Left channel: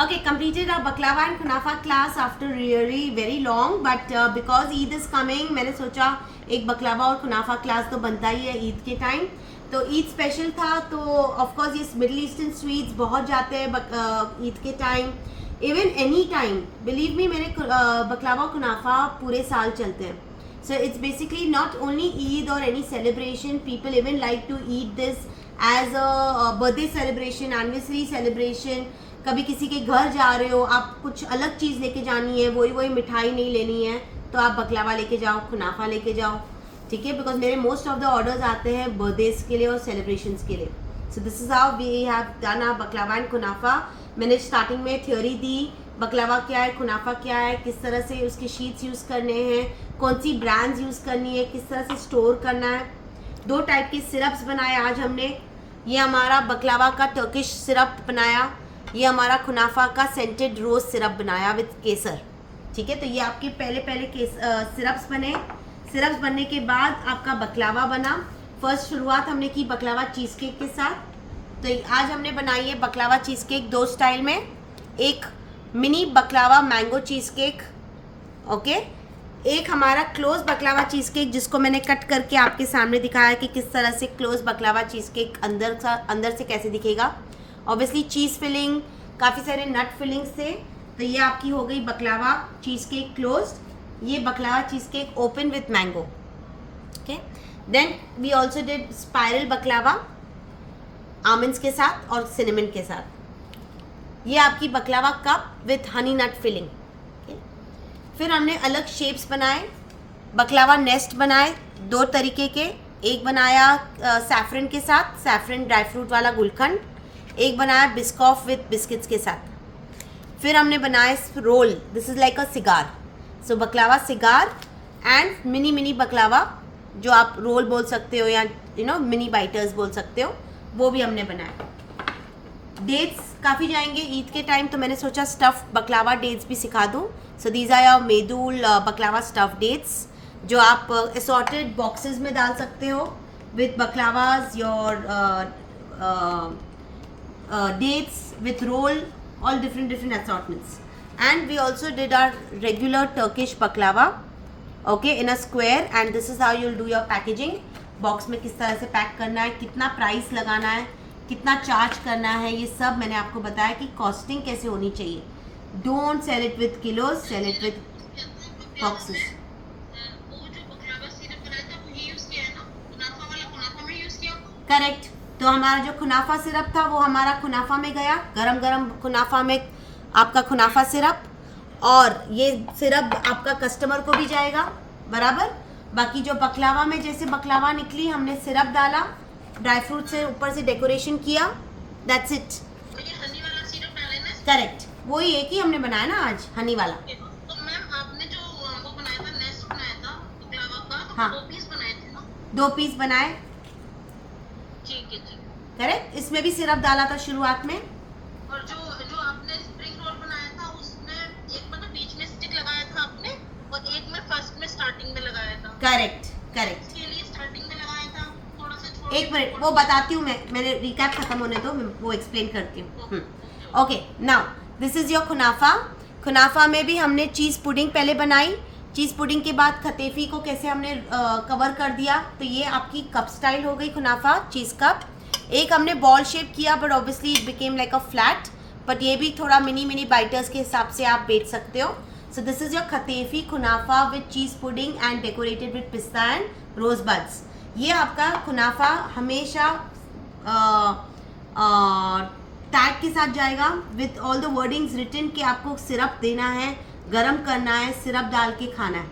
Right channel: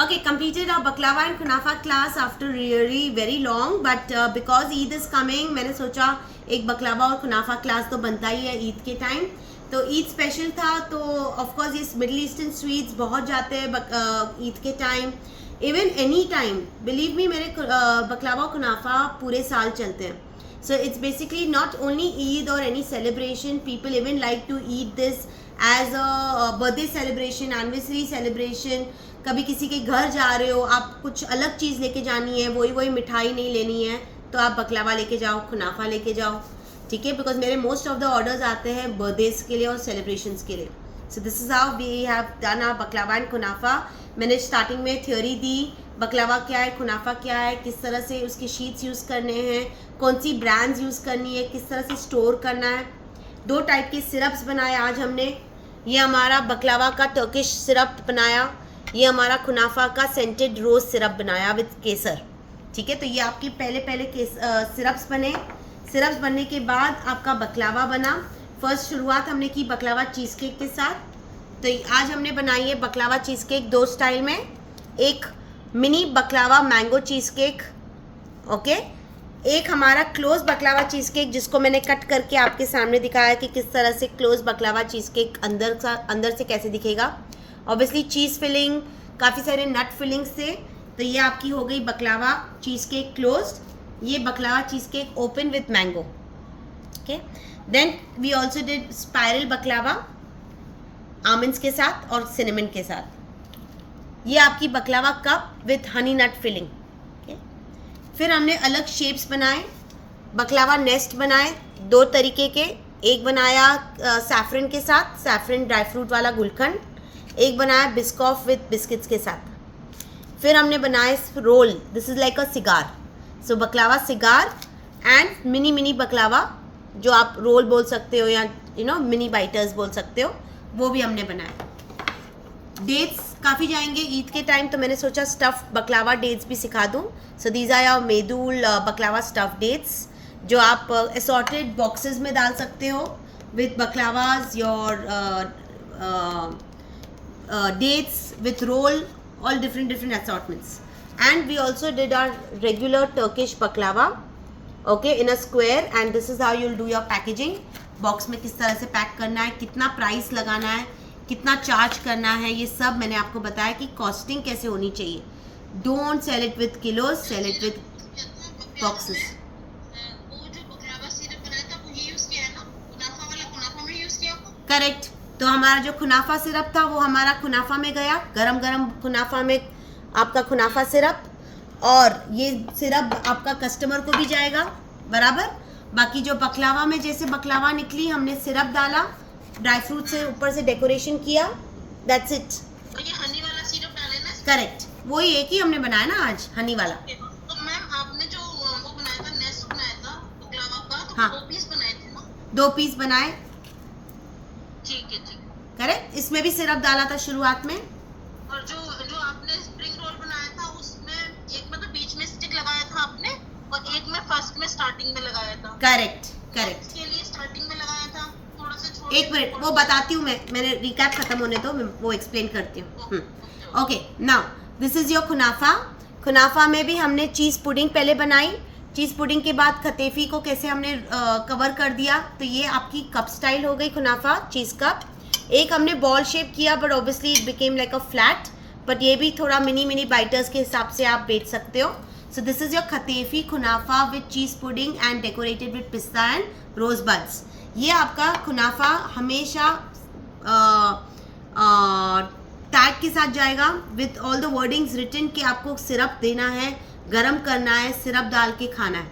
Okay, completed our baklava and kunafa class after really very long, but because Eid is coming, मैंने सोचा एक बकलावा और कुनाफा class तो बनता ही है ईद के टाइम. तो ईद स्पेशल था, तो ऑफ कोर्स ये मिडिल ईस्टर्न स्वीट्स बहुत जाते हैं ईद के time. Even any time, believe me, मेरे बकलावा और कुनाफा पूरे साल चलते हैं. So it's basically not only Eid or any celebration, people even like to eat this as a birthday celebration, anniversary celebration. कभी किसी के घर जा रहे हो, आप कुछ अलग चीज़ लेके जानी है, वही मिठाई नहीं लेनी है, तो आप बकलावा लेके जाओ, कुनाफा लेके जाओ, ठीक है. बिकॉज मेरे मोस्ट ऑफ द ऑर्डर्स आते हैं बर्थडेज के लिए और सेलिब्रेशंस के लिए. So this is how we have done our baklava and kunafa. मैंने स्टार्टिंग में थ्योरी दी, बकलावा क्या है, कुनाफा क्या है, किस तरह से उसके शीट्स यूज़ करने हैं, कौन सी ब्रांड्स यूज़ करनी है, किस तरह से स्टोर करना है. 2 टाइप के सिरप्स बनाए आज हमने. ये हमारा बकलावा का टर्किश सिरप बनाया, ये हमारा कुनाफा का सेंटेड रोज सिरप बनाया विद केसर, ठीक है. तो ये आपके पहले सिरप्स बने. सिरप्स बनने के बाद आपका बकलावा बना. फर्स्ट शुरुआत हमने की बकलावा चीज़ केक के साथ. तो आज हमने बनाई है बकलावा चीज़ केक 2 स्टाइल में. एक mini बकलावा mango cheese cake, okay. एक हमारा क्लोज बकलावा चीज़ केक जिसको मैंने कट करके आपके सामने दिखाया कि किस तरह से क्लोज बकलावा चीज़ केक अंदर से कैसे दिखेगा. ऑब्वियसली चीज़ फिलिंग, काफ़ी सारे नट फिलिंग से. तो ये आपकी हो गई बकलावा चीज़ केक क्लोज्ड. ये baklava cheesecake open with mango, okay. Then we also did spiral baklava almonds के साथ और सिनेमन के साथ. ये आपकी baklava cup with honey nut filling, okay. फिर हमने अलग शेप्स बनाए, बकलावा नेस्ट बनाए 2 तरीके के. एक बनाया सैफरन के साथ, सैफरन ड्राई फ्रूट वाला गुलकंद. एक बनाया बिस्कॉफ विथ बिस्किट्स के साथ. फिर हमने बनाए roll, this is like a cigar. So baklava cigar and mini baklava, जो आप रोल बोल सकते हो या मिनी बाइटर्स बोल सकते हो, वो भी हमने बनाया. डेट्स काफ़ी जाएंगे ईद के टाइम, तो मैंने सोचा स्टफ़ बकलावा डेट्स भी सिखा दूँ. So these are your medjool baklava stuff dates, जो आप असॉर्टेड बॉक्सेस में डाल सकते हो with baklavas, your dates with roll, all different assortments. And we also did our regular Turkish baklava, okay, in a square. And this is how you'll do your packaging. Box में किस तरह से pack करना है, कितना price लगाना है, कितना चार्ज करना है, ये सब मैंने आपको बताया कि कॉस्टिंग कैसे होनी चाहिए. Don't sell it with kilos, sell it with boxes. Correct. तो हमारा जो कुनाफा सिरप था वो हमारा कुनाफा में गया, गरम कुनाफा में आपका कुनाफा सिरप, और ये सिरप आपका कस्टमर को भी जाएगा बराबर. बाकी जो बकलावा में जैसे बकलावा निकली, हमने सिरप डाला, ड्राई फ्रूट से ऊपर से डेकोरेशन किया, दैट्स इट. ये हनी वाला सिरप डाला ना? करेक्ट, वही एक ही हमने बनाया ना आज, हनी वाला. तो मैम आपने जो वो बनाया था, नेस्ट बनाया था बकलावा का, तो हाँ. 2 पीस बनाए थे ना? 2 पीस बनाए, ठीक है. करेक्ट. इसमें भी सिरप डाला था शुरुआत में. और जो आपने स्प्रिंग रोल बनाया था, उसमें एक में तो बीच में स्टिक लगाया था आपने, और एक में फर्स्ट में स्टार्टिंग में लगाया था. करेक्ट. इसके लिए स्टार्टिंग में लगाया था थोड़ा सा. एक मिनट, वो बताती हूँ मैंने रिकैप खत्म होने दो, वो एक्सप्लेन करती हूँ. Okay, now this is your kunafa. Kunafa में भी हमने चीज़ पुडिंग पहले बनाई. चीज़ पुडिंग के बाद खतेफी को कैसे हमने कवर कर दिया. तो ये आपकी कप स्टाइल हो गई कुनाफा चीज़ कप. एक हमने बॉल शेप किया, but obviously it became like a flat. But ये भी थोड़ा मिनी बाइटर्स के हिसाब से आप बेच सकते हो. So this is your kataifi kunafa with cheese pudding and decorated with pista and rose buds. ये आपका कुनाफा हमेशा टैग के साथ जाएगा with all the wordings written कि आपको सिरप देना है, गरम करना है, सिरप डाल के खाना है,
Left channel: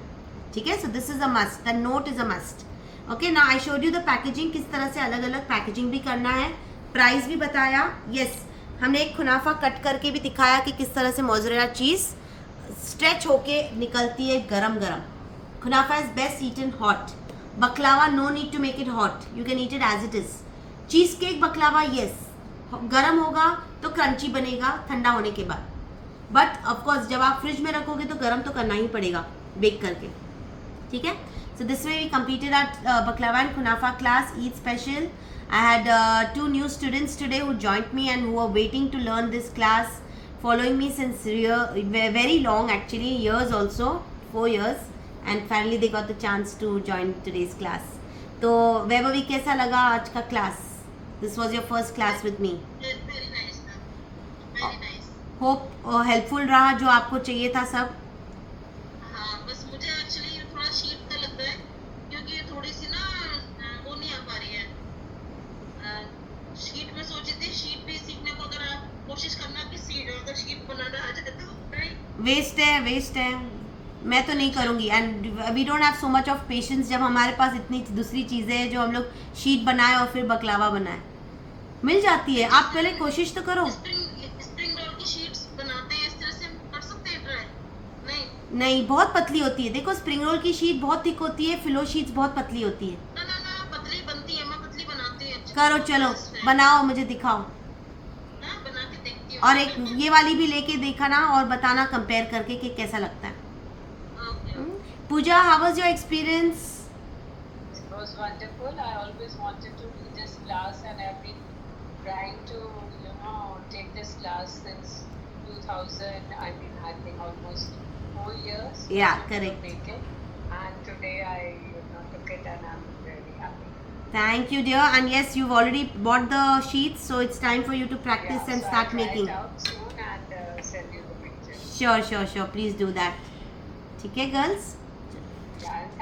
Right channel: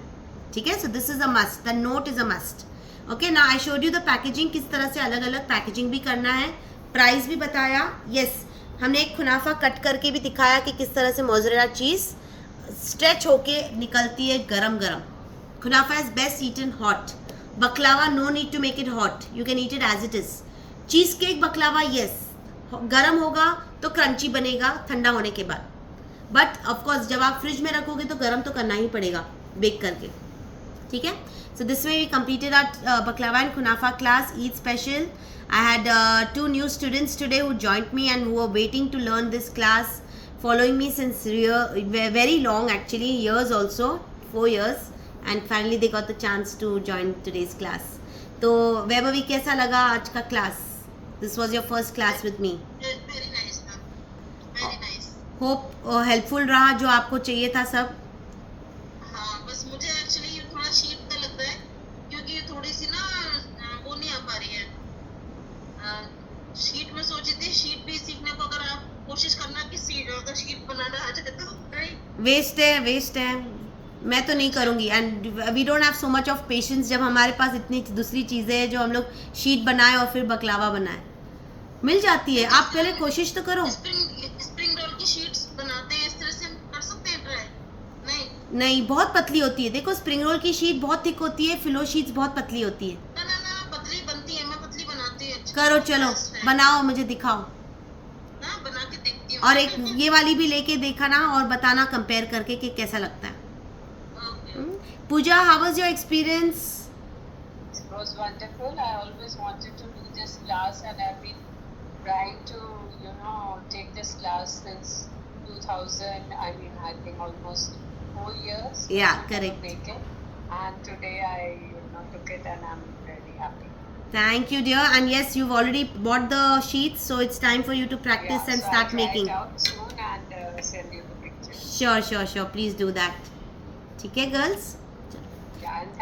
ठीक है. So this is a must, the note is a must. Okay, ना I showed you the packaging, किस तरह से अलग अलग पैकेजिंग भी करना है. प्राइस भी बताया. यस, हमने एक कुनाफा कट करके भी दिखाया कि किस तरह से मोज़रेला चीज़ स्ट्रेच होके निकलती है गरम. Kunafa is best eaten hot. Baklava no need to make it hot, you can eat it as it is. Cheesecake baklava yes गरम होगा तो क्रंची बनेगा ठंडा होने के बाद, बट ऑफकोर्स जब आप फ्रिज में रखोगे तो गरम तो करना ही पड़ेगा बेक करके, ठीक है. So this way we completed our baklava and kunafa class, Eid special. I had 2 new students today who joined me and who were waiting to learn this class. following me since very long, actually years also, 4 years, and finally they got the chance to join today's class. तो वैभवी कैसा लगा आज का class? This was your first class with me. Very nice था, very nice. Hope helpful रहा जो आपको चाहिए था सब. हाँ, बस मुझे एक्चुअली थोड़ा शीट का लगता है क्योंकि थोड़ी सी ना वो नहीं आ पा रही है. शीट में सोची थी, शीट भी सीखने को अगर आप कोशिश करना कि अगर शीट बनाना आ जाए तो वेस्ट है. मैं तो नहीं करूँगी. And we don't have so much of patience जब हमारे पास इतनी दूसरी चीज़ें हैं जो हम लोग शीट बनाए और फिर बकलावा बनाए. मिल जाती है, आप पहले कोशिश तो करो. स्प्रिंग रोल की शीट्स बनाते हैं, इस तरह से हम कर सकते हैं ट्राई. नहीं, बहुत पतली होती है. देखो स्प्रिंग रोल की शीट बहुत थिक होती है, फिलो शीट्स बहुत पतली होती है. ना पतली बनती है, मैं पतली बनाती है. करो, चलो बनाओ, मुझे दिखाओ. हाँ, बना के देखती हूँ. और एक ये वाली भी लेके देखा ना और बताना कंपेयर करके कि कैसा लगता है. Pooja, how was your experience? It was wonderful. I always wanted to do this class and I've been trying to, take this class since 2000. I think almost 4 years. Yeah, correct. Take it. And today I took it and I'm very happy. Thank you, dear. And yes, you've already bought the sheets, so it's time for you to practice and start I'll making. try it out soon and send you the pictures. Sure. Please do that. ठीक है, girls? Yeah, and